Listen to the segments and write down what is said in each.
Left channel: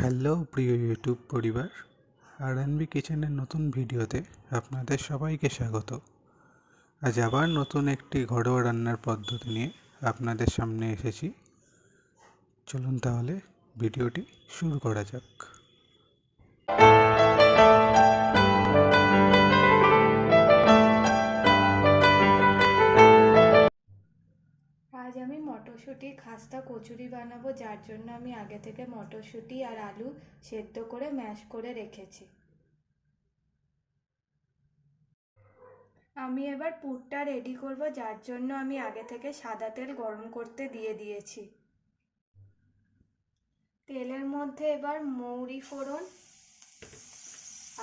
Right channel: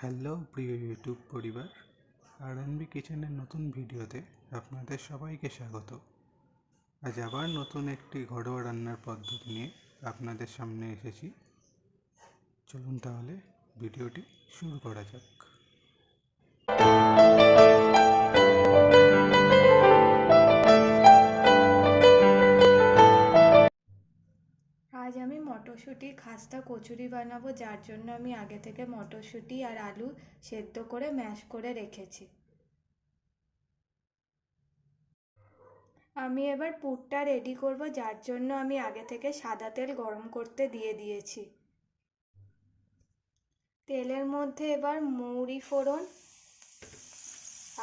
Hello প্রিয় YouTube পরিবার, আর&বি কিচেনের নতুন ভিডিওতে আপনাদের সবাইকে স্বাগত। আজ আবার নতুন একটি ঘরোয়া রান্নার পদ্ধতি নিয়ে আপনাদের সামনে এসেছি। চলুন তাহলে ভিডিওটি শুরু করা যাক। আজ আমি মটরশুঁটি খাস্তা কচুরি বানাবো, যার জন্য আমি আগে থেকে মটরশুঁটি আর আলু সেদ্ধ করে ম্যাশ করে রেখেছি। আমি এবার পুরটা রেডি করব, যার জন্য আমি আগে থেকে সাদা তেল গরম করতে দিয়ে দিয়েছি। তেলের মধ্যে এবার মৌরি ফোড়ন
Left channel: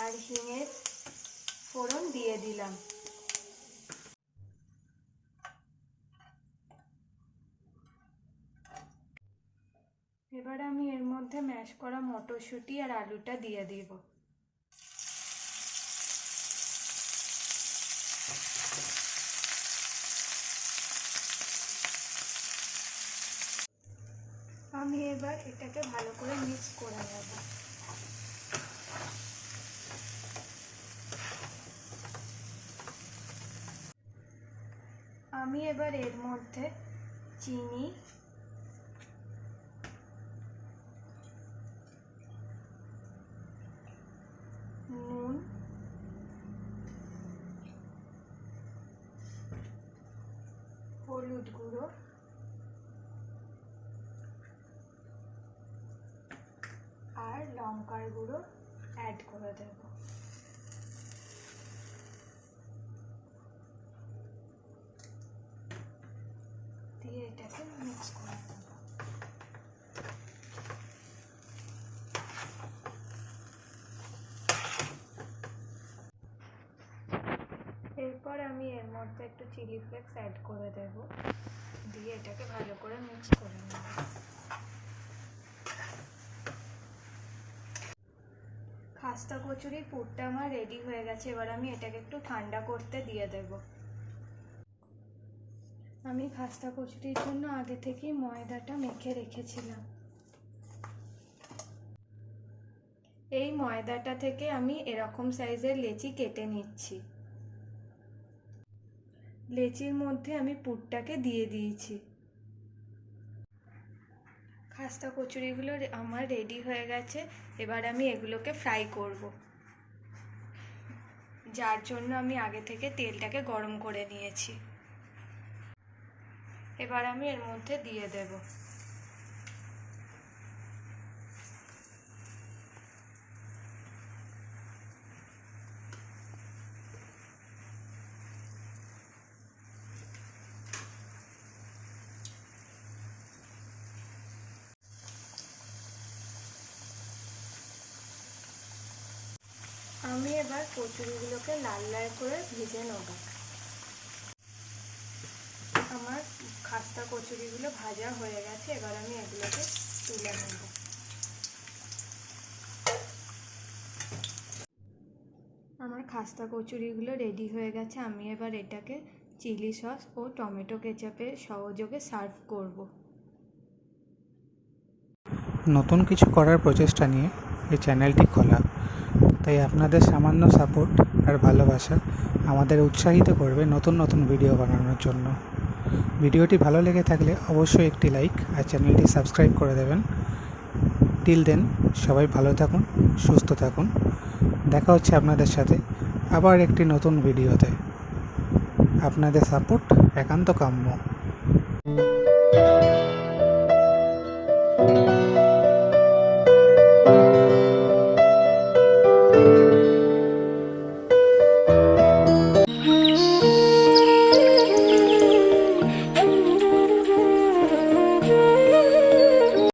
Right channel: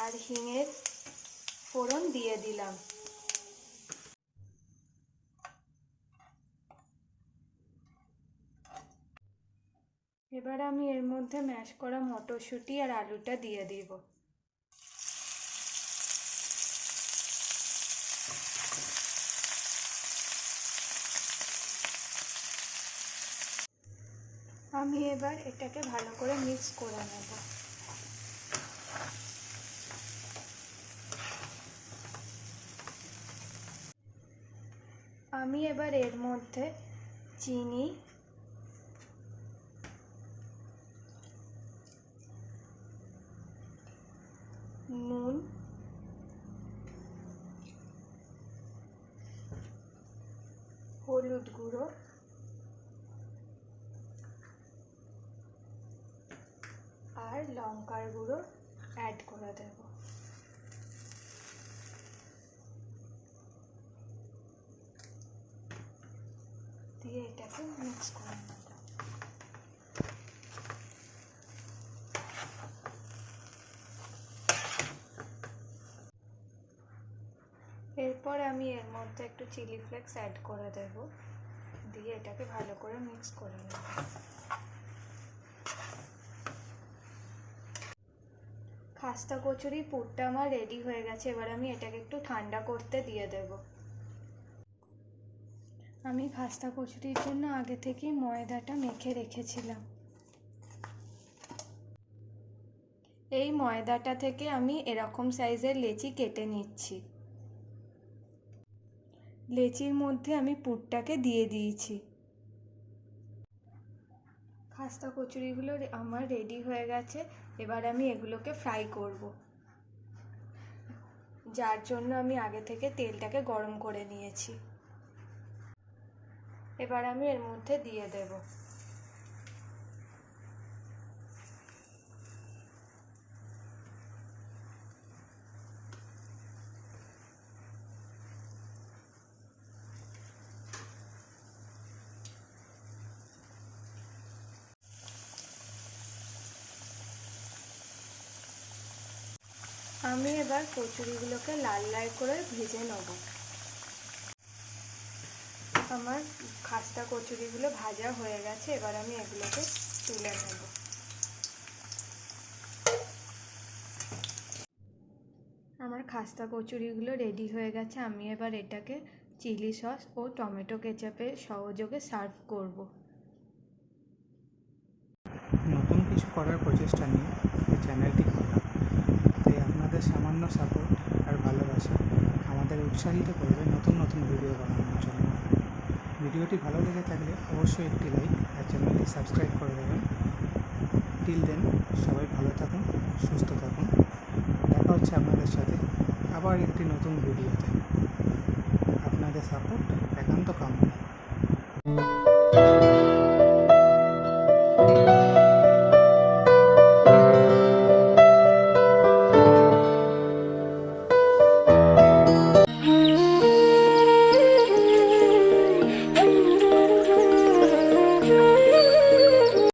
আর হিঙের ফোড়ন দিয়ে দিলাম। এবার আমি এর মধ্যে ম্যাশ করা মটরশুঁটি আর আলুটা দিয়ে দিব। আমি এবার এটাকে ভালো করে মিক্স করে নেব। আমি এবার এর মধ্যে চিনি, নুন, হলুদ গুঁড়ো আর লঙ্কার গুঁড়ো অ্যাড করে দেব। দিয়ে এটাকে মিক্স করে দেব। এরপর আমি এর মধ্যে একটু চিলি ফ্লেক্স অ্যাড করে দেব, দিয়ে এটাকে ভালো করে মিক্স করে নেব। খাস্তা কচুরির পুরটা আমার রেডি হয়ে গেছে। এবার আমি এটাকে একটু ঠান্ডা করতে দিয়ে দেব। আমি খাস্তা কচুরির জন্য আগে থেকেই ময়দাটা মেখে রেখেছিলাম। এই ময়দাটা থেকে আমি এরকম সাইজের লেচি কেটে নিচ্ছি। লেচির মধ্যে আমি পুরটাকে দিয়ে দিয়েছি। খাস্তা কচুরিগুলো আমার রেডি হয়ে গেছে। এবার আমি এগুলোকে ফ্রাই করব, যার জন্য আমি আগে থেকে তেলটাকে গরম করে নিয়েছি। এবার আমি এর মধ্যে দিয়ে দেব। আমি এবার কচুরিগুলোকে লাল লাল করে ভেজে নেব। আমার খাস্তা কচুরিগুলো ভাজা হয়ে গেছে। এবার আমি এগুলোকে তুলে নেব। আমার খাস্তা কচুরিগুলো রেডি হয়ে গেছে। আমি এবার এটাকে চিলি সস ও টমেটো কেচাপের সহযোগে সার্ভ করব। নতুন কিছু করার প্রচেষ্টা নিয়ে এই চ্যানেলটি খোলা, তাই আপনাদের সামান্য সাপোর্ট আর ভালোবাসা আমাদের উৎসাহিত করবে নতুন নতুন ভিডিও বানানোর জন্য। ভিডিওটি ভালো লেগে থাকলে অবশ্যই একটি লাইক আর চ্যানেলটি সাবস্ক্রাইব করে দেবেন। টিল দেন, সবাই ভালো থাকুন, সুস্থ থাকুন। দেখা হচ্ছে আপনাদের সাথে আবার একটি নতুন ভিডিওতে। আপনাদের সাপোর্ট একান্ত কাম্য।